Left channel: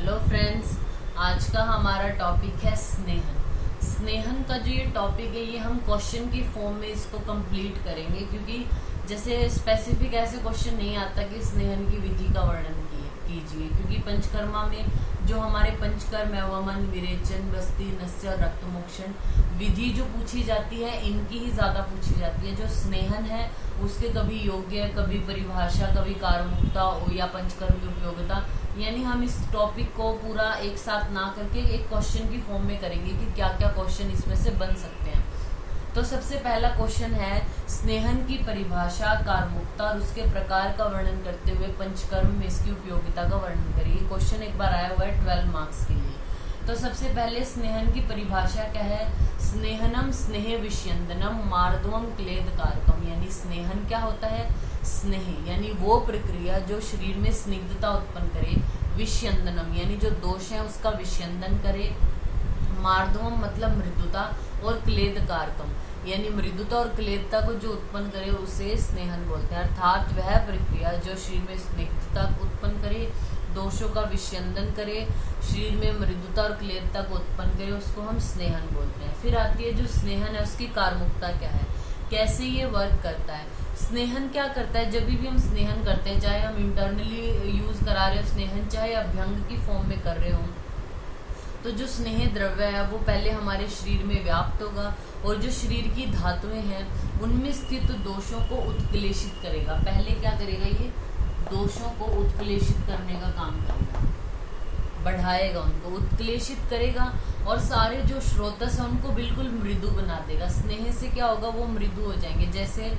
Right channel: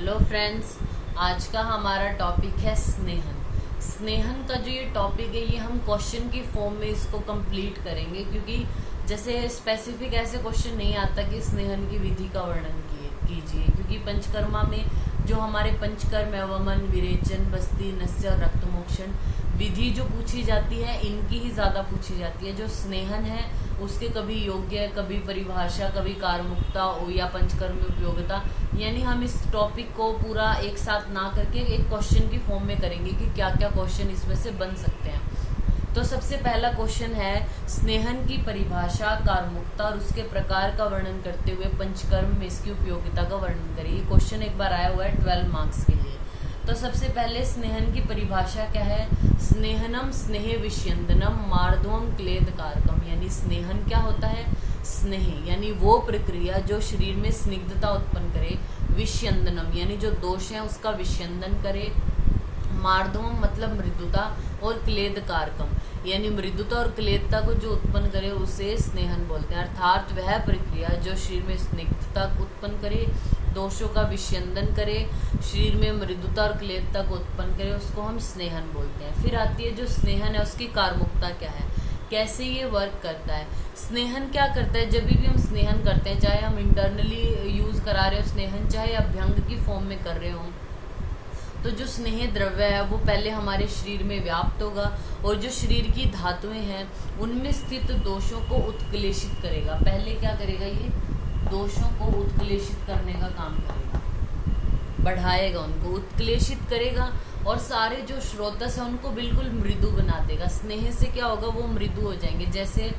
Hello friends, आज का हमारा टॉपिक है स्नेहन। स्नेहन का जो ये टॉपिक है, ये हम क्वेश्चन की फॉर्म में इसको कंप्लीट करेंगे, क्योंकि जैसे स्पेसिफिक ऐसे क्वेश्चन नहीं आता कि स्नेहन की विधि का वर्णन कीजिए, क्योंकि पंचकर्मा में जो हमारे पंचकर्म है, वमन, विरेचन, बस्ती, नस्य, रक्तमोक्षण विधि जो पूछी जाती है, इनकी ही ज्यादा पूछी जाती है। जो स्नेहन है उसके कभी योग्य, कभी परिभाषा, कभी कारमुक्ता या पंचकर्म में उपयोगिता, यानी हम इस टॉपिक को पूरा एक साथ ना करके एक क्वेश्चन की फॉर्म में करेंगे कि क्या क्या क्वेश्चन इसमें से बन सकते हैं। तो सबसे पहला क्वेश्चन है, स्नेहन की परिभाषा, कारमुक्ता और उसके प्रकार का वर्णन करते हुए पंचकर्म में इसकी उपयोगिता का वर्णन करिए। क्वेश्चन एक बार आया हुआ है 12 मार्क्स के लिए। तो सबसे पहले स्नेहन की परिभाषा क्या है? स्नेहनम स्नेह विष्यंदनम मार्दवम क्लेद कारकम, यानी स्नेहन क्या होता है? स्नेह यानी वो प्रक्रिया जो शरीर में स्निग्धता उत्पन्न करे, विष्यंदनम यानी जो दोष है उसका विष्यंदन करे, मार्दवम मतलब मृदुता, और क्लेद कारकम यानी मृदुता और क्लेदता को जो उत्पन्न करे उसे स्नेहन बोलते हैं। अर्थात वह प्रक्रिया जो शरीर में स्निग्धता उत्पन्न करे, दोषों का विष्यंदन करे, शरीर में मृदुता और क्लेदता को उत्पन्न करे, उसको हम स्नेहन बोलते हैं। फिर आती है जो स्नेहन है उसकी कारमुक्ता क्या है, कैसे ये वर्क करता है। स्नेहन क्या करता है? जब भी हम स्नेहन करते हैं, चाहे हम इंटरनली यूज करा रहे हो स्नेहन, चाहे अभ्यंग की फॉर्म में कर रहे हो, तो जो स्नेह द्रव्य है वो पहले हमारे शरीर में व्याप्त होगा और जो शरीर की धातुएं हैं उनमें स्थित दोषों को उत्क्लेशित करेगा। पहले क्या करेगा? ये दोषों को उत्क्लेशित करने का काम करेगा, बढ़ाएगा, उनको उत्क्लेशित करेगा और सारे जो स्रोतस है उनको बिल्कुल मृदु बना देगा। स्नेह से क्या होगा? वो मृदु हो जाएंगे। जैसे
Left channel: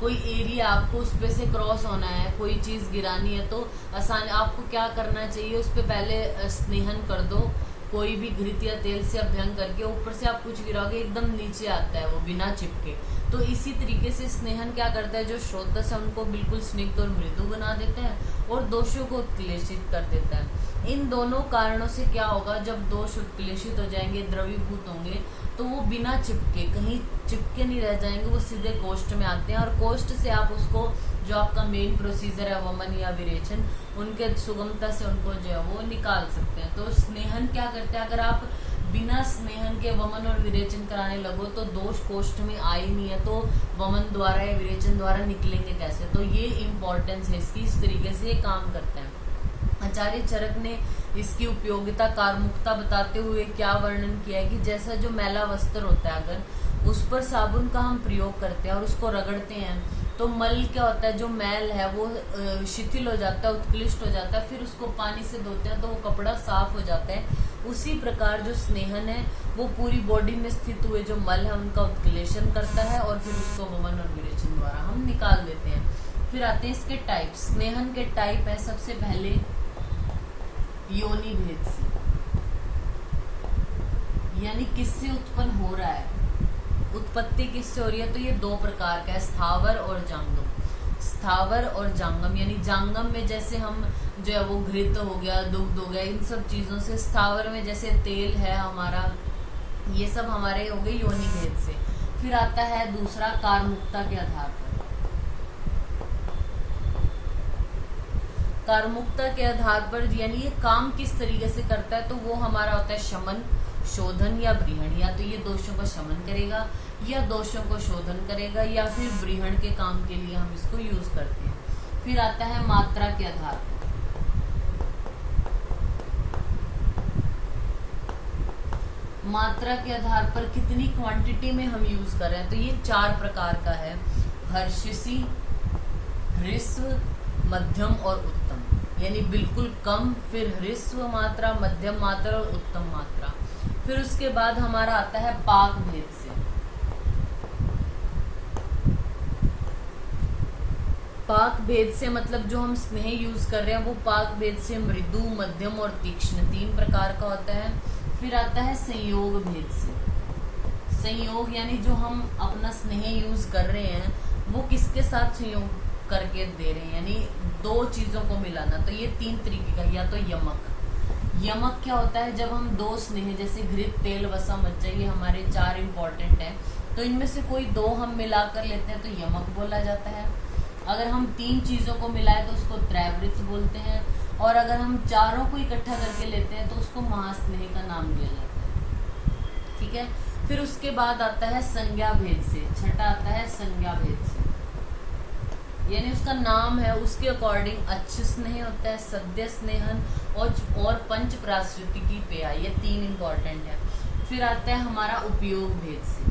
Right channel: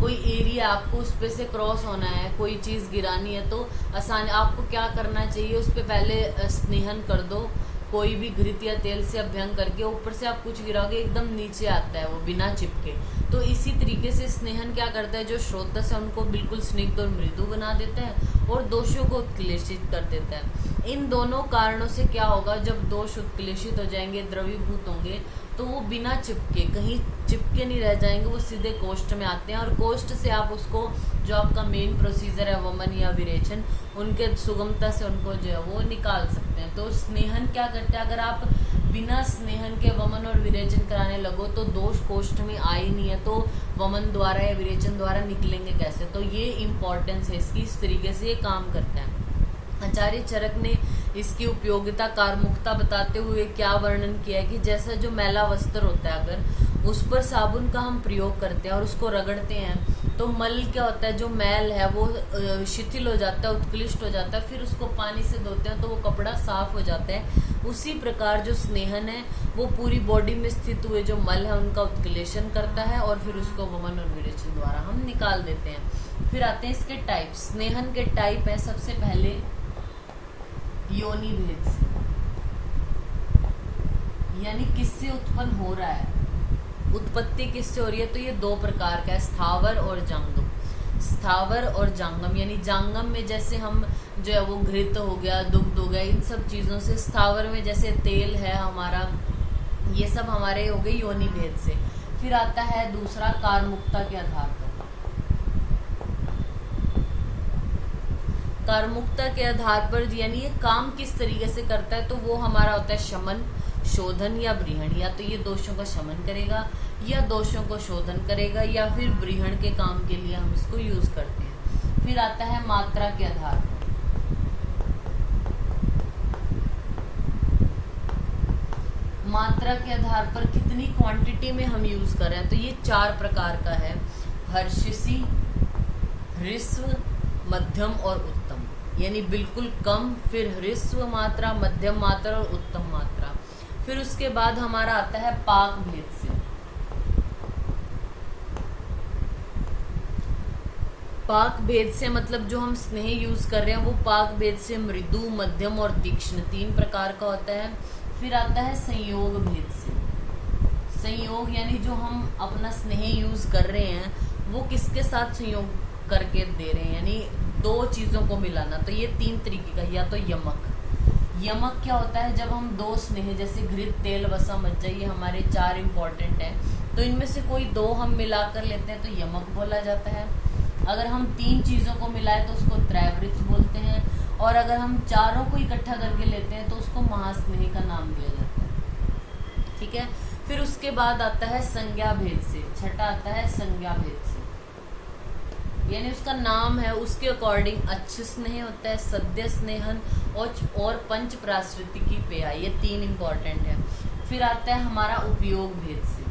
कोई एरिया आपको उस पे से क्रॉस होना है, कोई चीज गिरानी है, तो आसान आपको क्या करना चाहिए? उस पे पहले स्नेहन कर दो, कोई भी घृत या तेल से अभ्यंग करके ऊपर से आप कुछ गिराओगे एकदम नीचे आता है वो बिना चिपके। तो इसी तरीके से स्नेहन क्या करता है? जो स्रोतस है उनको बिल्कुल स्निग्ध और मृदु बना देता है और दोषों को उत्क्लेशित कर देता है। इन दोनों कारणों से क्या होगा? जब दोष उत्क्लेशित हो जाएंगे, द्रवीभूत होंगे, तो वो बिना चिपके, कहीं चिपके नहीं रह जाएंगे, वो सीधे कोष्ठ में आते हैं और कोष्ठ से आप उसको, जो आपका मेन प्रोसीजर है वमन या विरेचन, उनके सुगमता से उनको जो है वो निकाल सकते हैं। तो स्नेहन क्या करते हैं? अगर आप बिना स्नेहन के वमन और विरेचन कराने लगो तो दोष कोष्ठ में आ ही नहीं है, तो वमन द्वारा या विरेचन द्वारा निकलेंगे कैसे? तो ये इम्पोर्टेंस है इसकी, इस तरीके से ये काम करते हैं। आचार्य चरक ने इसकी उपयोगिता, कारमुक्ता बताते हुए क्या वर्णन किया है कि जैसा जो मैला वस्त्र होता है, अगर उस पर साबुन का हम प्रयोग करते हैं और उसको रगड़ते हैं तो मल क्या होता है? जो मैल है वो शिथिल हो जाता है, उत्कृष्ट हो जाता है, फिर उसको पानी से धोते हैं तो वो कपड़ा साफ हो जाता है। उसी प्रकार जो स्नेहन है वो पूरी बॉडी में स्थित हुए जो मल है उनका उत्क्लेशन करता है और फिर उसको वमन और विरेचन द्वारा हम निकाल देते हैं। फिर आते हैं इसके टाइप। स्नेहन के टाइप है, सबसे पहले योनि भेद से, यानी किससे उत्पन्न हो रहा है, उत्पत्ति किससे हो रही है? तो ये दो प्रकार का है, स्थावर और जांगम। स्थावर और जांगम यानी जांगम में जैसे हम जो है वो घृत हो गया, दुग्ध हो गया, इन सब चीजों से। स्थावर में जैसे तेल है हमारा, ये सब हमारे हो गए योनि भेद से। फिर आता है दूसरा कारमुक्ता के आधार पर। कारमुक्ता के आधार पर यानी ये काम किस तरीके से करता है, तो वो हमारा होता है शमन, शोधन या ब्रीहण। या तो ये दोषों का शमन करेगा या दोषों को शोधन करेगा या फिर ब्रीहण के काम के लिए हम इसको यूज करते हैं। फिर आता है मात्रा के आधार पर। मात्रा के आधार पर कितनी क्वांटिटी में हम यूज कर रहे हैं, तो ये 4 प्रकार का है, हर्षसी, ह्रस्व, मध्यम और उत्तम। यानी बिल्कुल कम, फिर ह्रस्व मात्रा, मध्यम मात्रा और उत्तम मात्रा। फिर उसके बाद हमारा आता है पाक भेद से। पाक भेद से मतलब जो हम स्नेह यूज कर रहे हैं वो पाक भेद से मृदु, मध्यम और तीक्ष्ण 3 प्रकार का होता है। फिर आता है संयोग भेद से। संयोग यानी जो हम अपना स्नेह यूज कर रहे हैं वो किसके साथ संयोग करके दे रहे हैं, यानी 2 चीजों को मिलाना। तो ये 3 तरीके का, या तो यमक। यमक क्या होता है? जब हम 2 स्नेह जैसे घृत, तेल, वसा, मज्जा, ये हमारे 4 इंपॉर्टेंट है, तो इनमें से कोई 2 हम मिलाकर लेते हैं तो यमक बोला जाता है। अगर हम 3 चीजों को मिलाए तो उसको त्रैवृत बोलते हैं। और अगर हम चारों को इकट्ठा करके लेते हैं तो उसको महास्नेह का नाम दिया जाता है। ठीक है, फिर उसके बाद आता है संज्ञा भेद से, छठा आता है संज्ञा भेद से, यानी उसका नाम है उसके अकॉर्डिंग अच्छ स्नेह होता है, सद्य स्नेहन और पंच प्राश्रिति की पेया, ये 3 इंपॉर्टेंट है। फिर आता है हमारा उपयोग भेद से।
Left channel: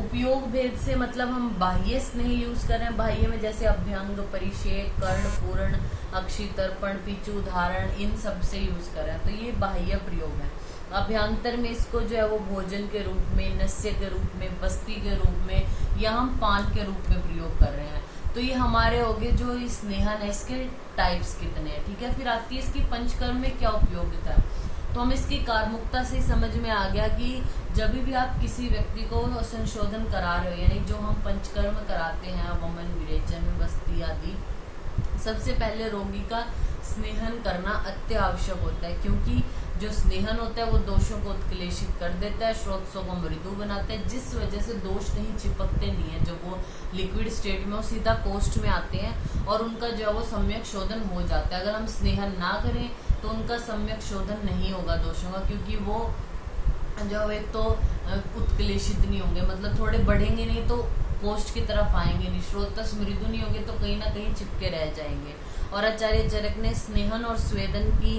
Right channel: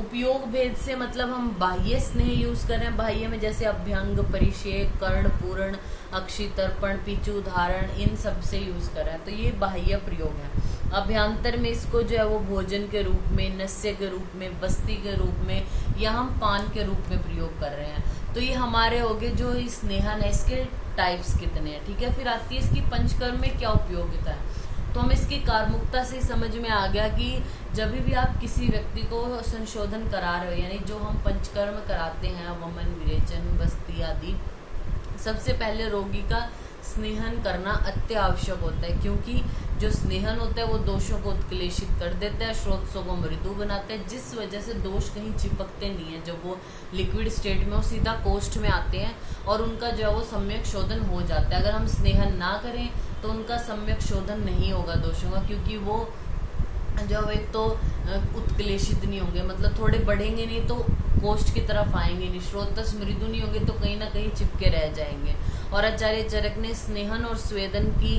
उपयोग भेद से मतलब हम बाह्य स्नेह यूज कर रहे हैं, बाह्य में जैसे अभ्यंग, परिषेक, कर्ण, पूर्ण, अक्षि, तर्पण, पीछू, उदाहरण, इन सब से यूज कर रहे हैं, तो ये बाह्य प्रयोग है। अभ्यंतर में इसको जो है वो भोजन के रूप में, नस्य के रूप में, बस्ती के रूप में, या हम पान के रूप में प्रयोग कर रहे हैं। तो ये हमारे हो गए जो स्नेहन है, इसके टाइप्स कितने हैं। ठीक है, फिर आती है इसकी पंचकर्म में क्या उपयोगिता है। तो हम इसकी कार्मुकता से समझ में आ गया कि जब भी आप किसी व्यक्ति को संशोधन करा रहे हो, यानी जो हम पंचकर्म कराते हैं, वमन, विरेचन, बस्ती आदि, सबसे पहले रोगी का स्नेहन करना अत्य आवश्यक होता है, क्योंकि जो स्नेहन होता है वो दोषों को उत्क्लेशित कर देता है, स्रोतों को मृदु बनाता है, जिस वजह से दोष कहीं चिपकते नहीं है। जब वो लिक्विड स्टेट में वो सीधा कोष्ठ में आते हैं और उनका जो है वो सम्यक शोधन हो जाता है। अगर हम स्नेहन ना करें तो उनका सम्यक शोधन नहीं होगा दोषों का, क्योंकि वो जब एक तो उत्क्लेशित नहीं होंगे, मतलब थोड़े बढ़ेंगे नहीं तो कोष्ठ की तरफ आएंगे नहीं, स्रोतस मृदु नहीं होंगे तो कहीं ना कहीं चिपके रह जाएंगे। और आचार्य चरक ने स्नेहन और स्वेदन की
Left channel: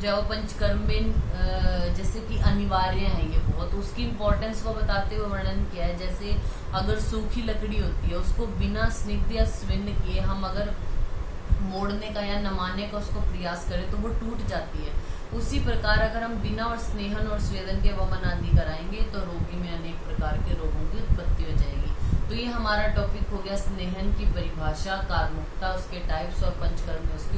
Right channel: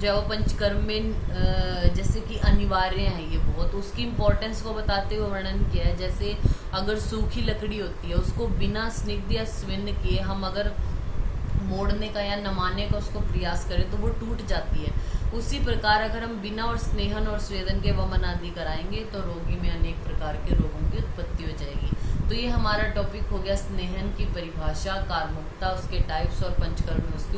जो पंचकर्म में जैसे कि अनिवार्य है ये बहुत, उसकी इम्पोर्टेंस को बताते हुए वर्णन किया है। जैसे अगर सूखी लकड़ी होती है, उसको बिना स्निग्ध या स्विन्न किए हम अगर मोड़ने का या नमाने का उसको प्रयास करें तो वो टूट जाती है। उसी प्रकार अगर हम बिना और स्नेहन और स्वेदन के वमन आदि कराएंगे तो रोगी में अनेक प्रकार के रोगों की उत्पत्ति हो जाएगी। तो ये हमारा टॉपिक हो गया स्नेहन की परिभाषा, कार्मुकता, उसके टाइप्स और पंचकर्म में उसकी